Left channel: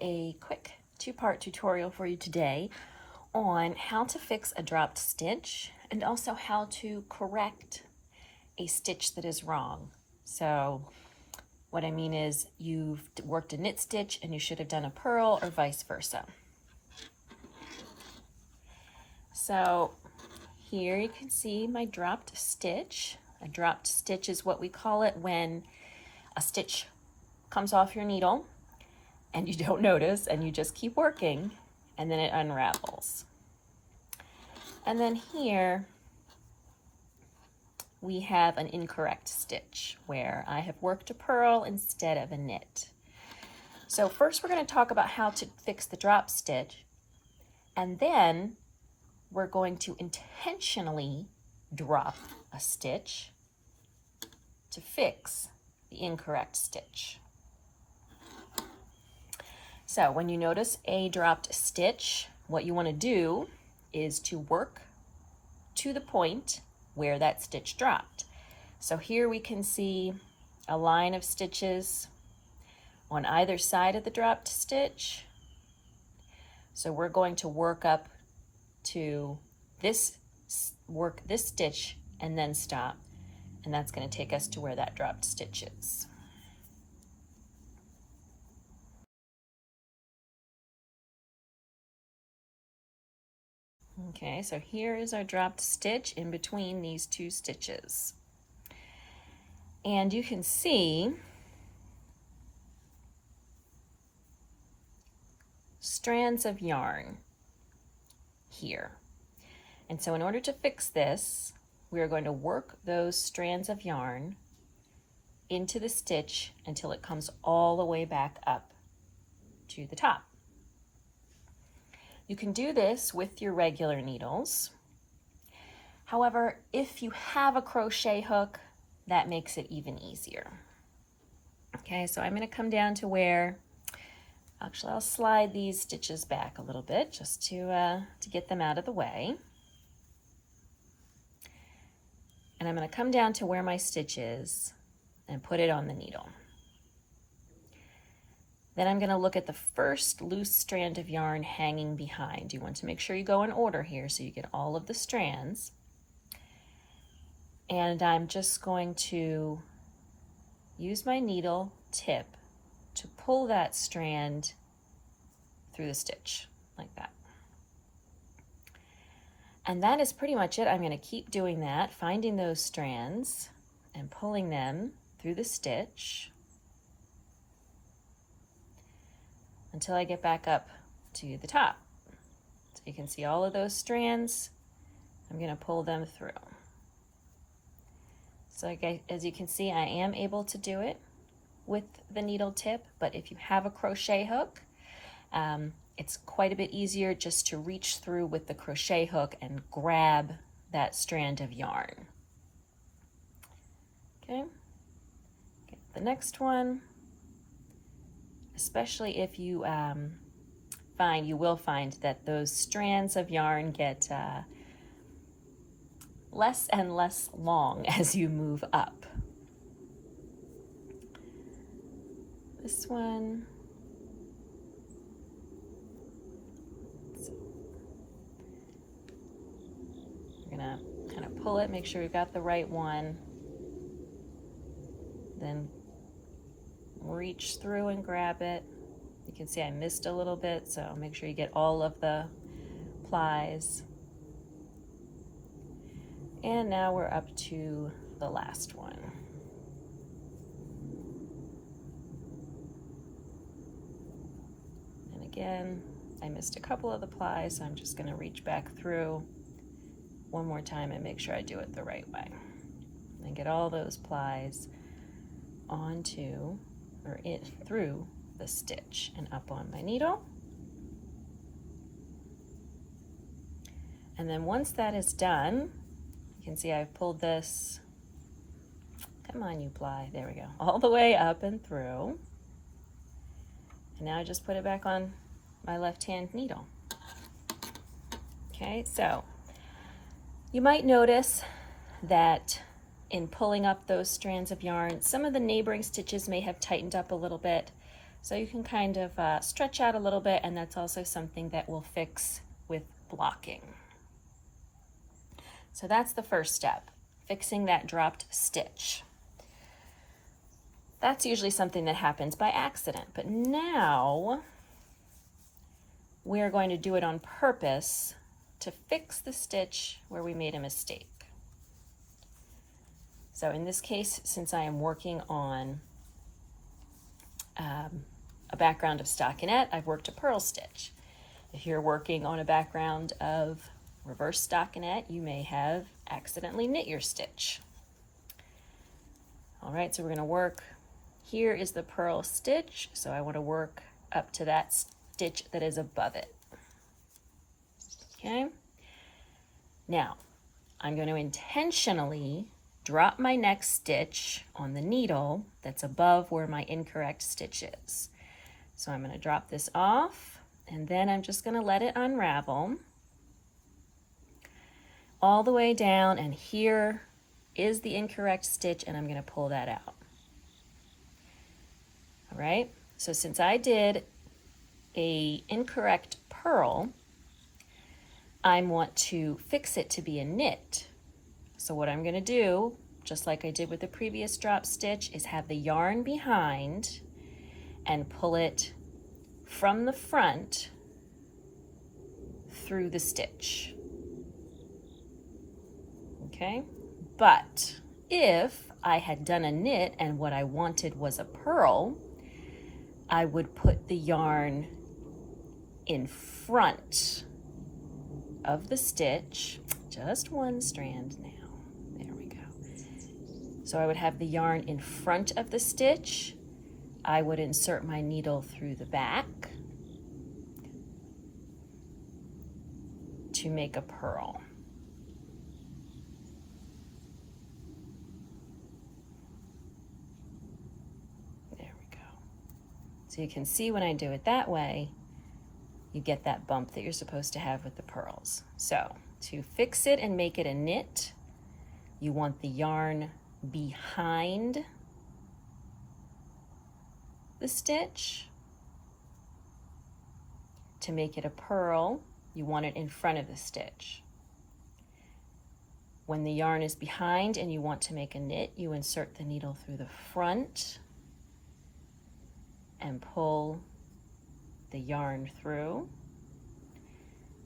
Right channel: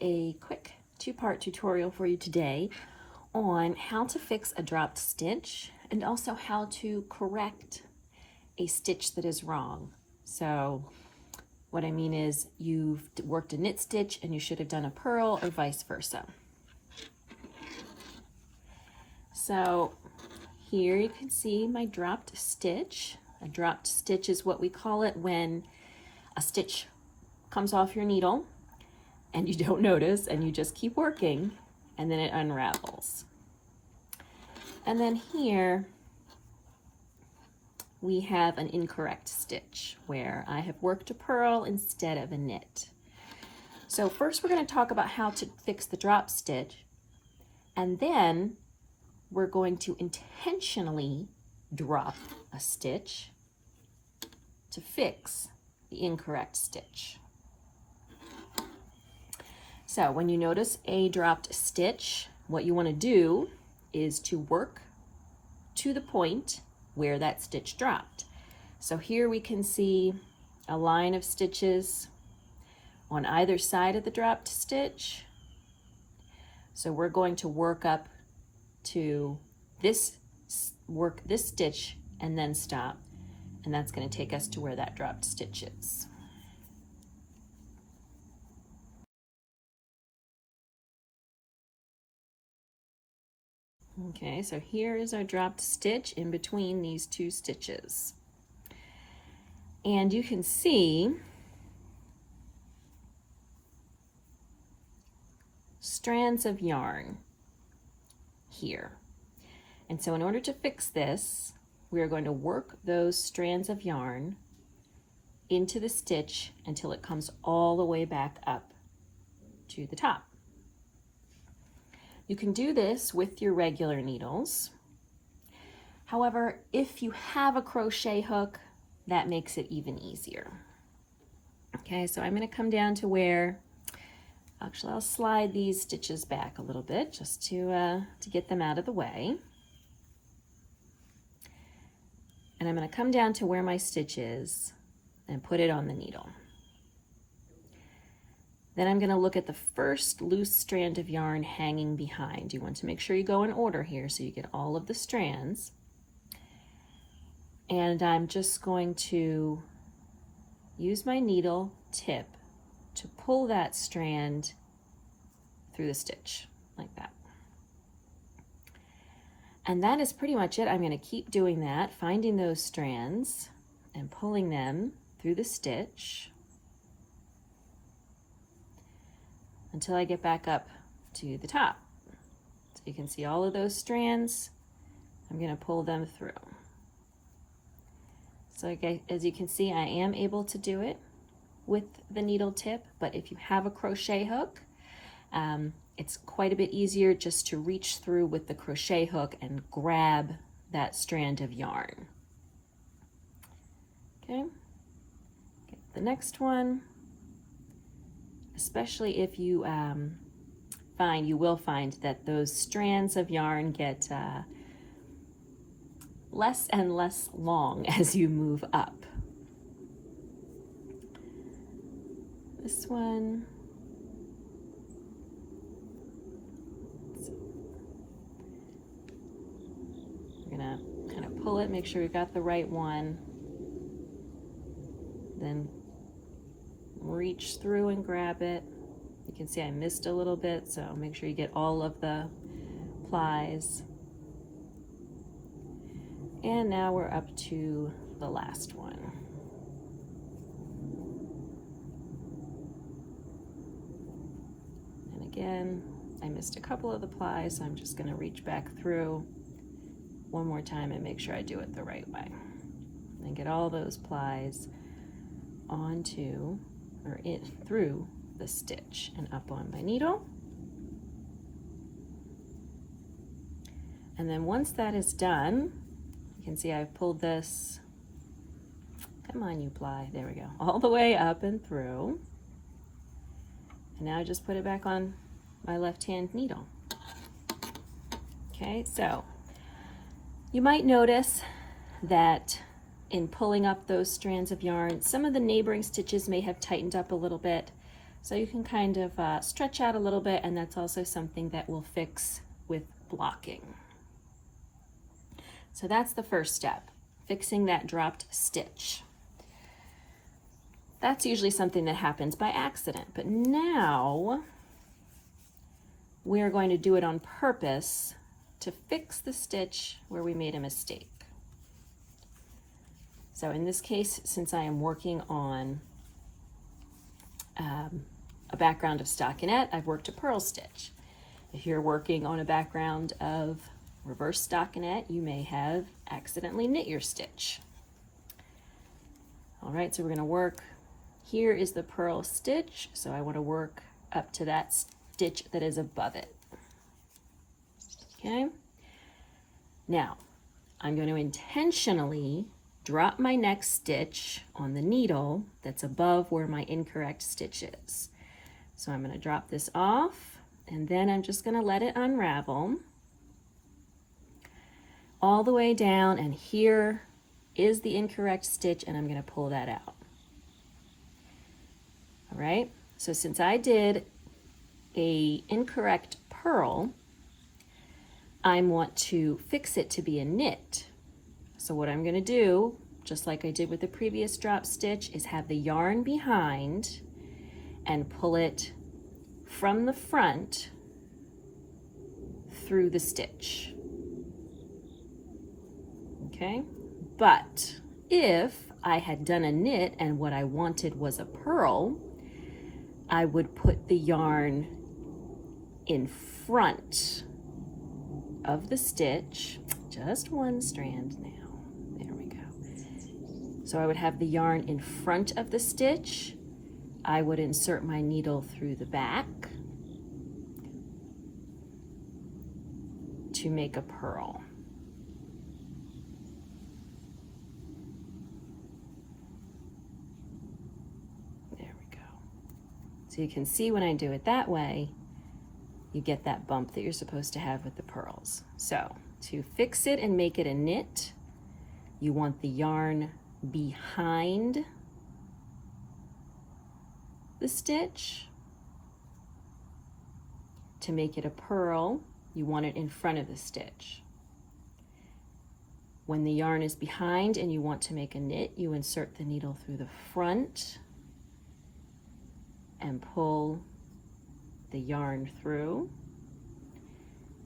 a quick two-part tutorial for you today on how to fix a dropped stitch and also how to correct a stitch that is wrong. So what I mean is you've worked a knit stitch and you should have done a purl or vice versa. So here you can see my dropped stitch. A dropped stitch is what we call it when a stitch comes off your needle and you don't notice and you just keep working and then it unravels. And then here we have an incorrect stitch where I have worked a purl instead of a knit. So first we're going to talk about how to fix the drop stitch, and then we're going to intentionally drop a stitch to fix the incorrect stitch. So when you notice a dropped stitch, what you want to do is to work to the point where that stitch dropped. So here we can see a line of stitches on either side of the dropped stitch. So we're going to work up to this stitch and then stop, and that's going to take us to where that dropped stitch is. Okay, so here is our dropped stitch in between these two stitches. And you can see strands of yarn here. And so in order to fix this, we are going to work those strands of yarn into the stitch until it comes all the way back up to the top. You can do this with your regular needles. However, if you have a crochet hook, that makes it even easier. Okay, so I'm going to come down to where, actually I'll slide these stitches back a little bit just to get them out of the way. And I'm going to come down to where my stitch is and put it on the needle. Then I'm going to look at the first loose strand of yarn hanging behind. You want to make sure you go in order here so you get all of the strands. And I'm just going to use my needle tip to pull that strand through the stitch like that. And that is pretty much it. I'm going to keep doing that, finding those strands and pulling them through the stitch until I get back up to the top. So you can see all of those strands. I'm going to pull them through. So as you can see, I am able to do it with the needle tip, but if you have a crochet hook, it's quite a bit easier just to reach through with the crochet hook and grab that strand of yarn. Okay, get the next one. Especially if you you will find that those strands of yarn get less and less long as you move up. This one. We're gonna kind of pull it, make sure we've got the right one. Then reach through and grab it. You can see I missed a little bit, so make sure you get all of the plies. And now we're up to the last one. And again, I missed a couple of the plies, so I'm just going to reach back through one more time and make sure I do it the right way. And get all those plies onto or in through the stitch and up on my needle. And then once that is done, you can see I've pulled this, come on you ply, there we go, all the way up and through. And now I just put it back on my left-hand needle. Okay, so you might notice that in pulling up those strands of yarn, some of the neighboring stitches may have tightened up a little bit. So you can kind of stretch out a little bit, and that's also something that we'll fix with blocking. So that's the first step, fixing that dropped stitch. That's usually something that happens by accident, but now we're going to do it on purpose to fix the stitch where we made a mistake. So in this case, since I am working on a background of stockinette, I've worked a purl stitch. If you're working on a background of reverse stockinette, you may have accidentally knit your stitch. All right, so we're going to work. Here is the purl stitch, so I want to work up to that stitch that is above it. Okay, now I'm going to intentionally drop my next stitch on the needle that's above where my incorrect stitch is. So I'm going to drop this off, and then I'm just going to let it unravel all the way down, and here is the incorrect stitch, and I'm going to pull that out. All right, so since I did a incorrect purl, I want to fix it to be a knit. So what I'm going to do, just like I did with the previous drop stitch, is have the yarn behind and pull it from the front through the stitch. Okay, but if I had done a knit and what I wanted was a purl, I would put the yarn in front of the stitch, just one strand now, there we go. So I would have the yarn in front of the stitch. I would insert my needle through the back to make a purl. There we go. So you can see when I do it that way, you get that bump that you're supposed to have with the purls. So to fix it and make it a knit, you want the yarn behind the stitch. To make it a purl, you want it in front of the stitch. When the yarn is behind and you want to make a knit, you insert the needle through the front and pull the yarn through.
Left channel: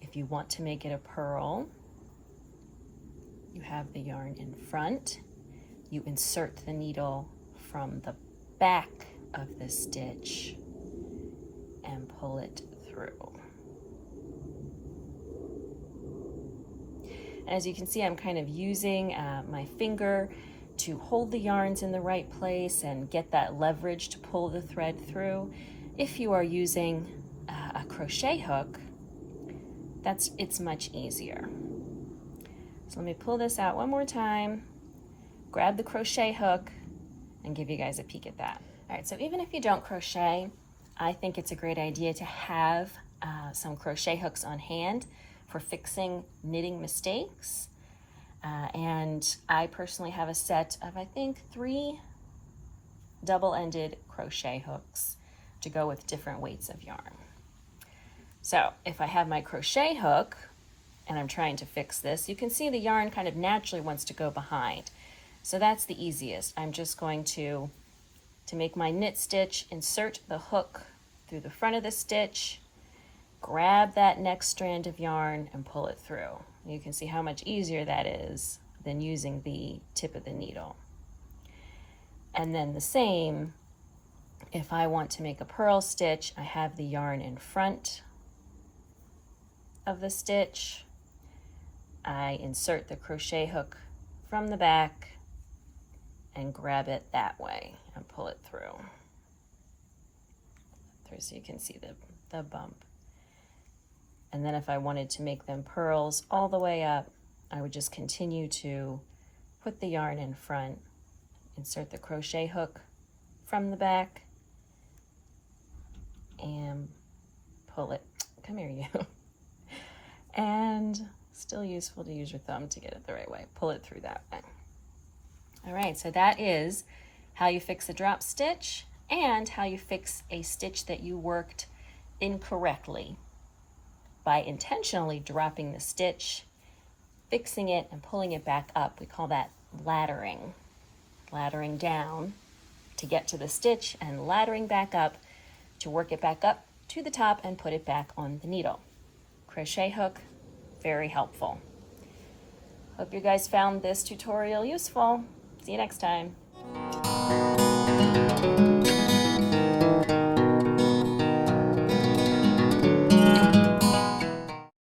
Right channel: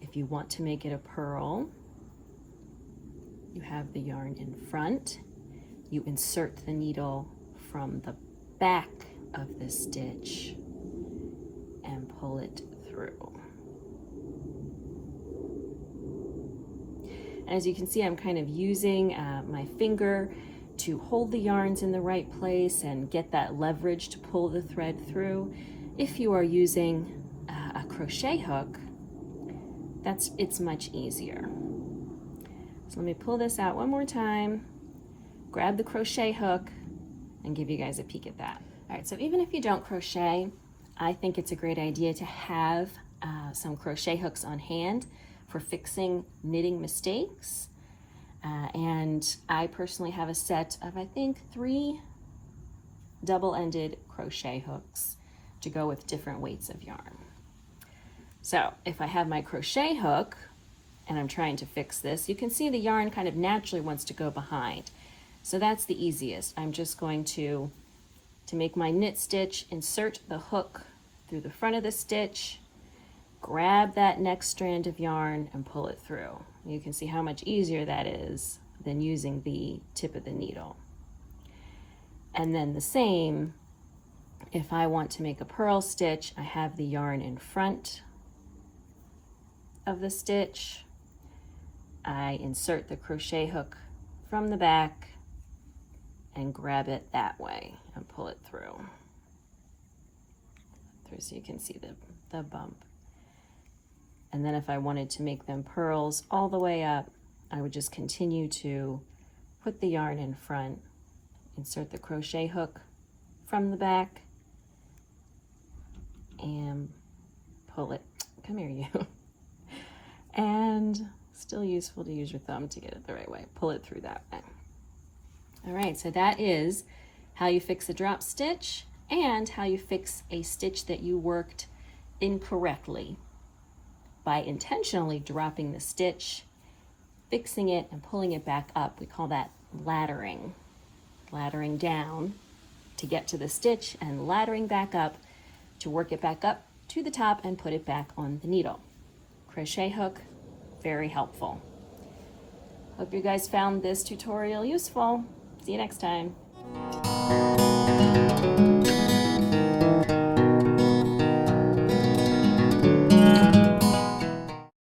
If you want to make it a purl, you have the yarn in front, you insert the needle from the back of the stitch and pull it through. As you can see, I'm kind of using my finger to hold the yarns in the right place and get that leverage to pull the thread through. If you are using a crochet hook, it's much easier. So let me pull this out one more time, grab the crochet hook, and give you guys a peek at that. All right, so even if you don't crochet, I think it's a great idea to have some crochet hooks on hand for fixing knitting mistakes. And I personally have a set of, I think, 3 double-ended crochet hooks to go with different weights of yarn. So if I have my crochet hook and I'm trying to fix this, you can see the yarn kind of naturally wants to go behind. So that's the easiest. I'm just going to make my knit stitch, insert the hook through the front of the stitch, grab that next strand of yarn and pull it through. You can see how much easier that is than using the tip of the needle. And then the same, if I want to make a purl stitch, I have the yarn in front of the stitch. I insert the crochet hook from the back and grab it that way and pull it through. So you can see the bump. And then if I wanted to make them purls all the way up, I would just continue to put the yarn in front, insert the crochet hook from the back, and pull it. Come here, you. And still useful to use your thumb to get it the right way. Pull it through that way. All right, so that is how you fix a drop stitch. and how you fix a stitch that you worked incorrectly by intentionally dropping the stitch, fixing it, and pulling it back up. We call that laddering. Laddering down to get to the stitch and laddering back up to work it back up to the top and put it back on the needle. Crochet hook, very helpful. Hope you guys found this tutorial useful. See you next time.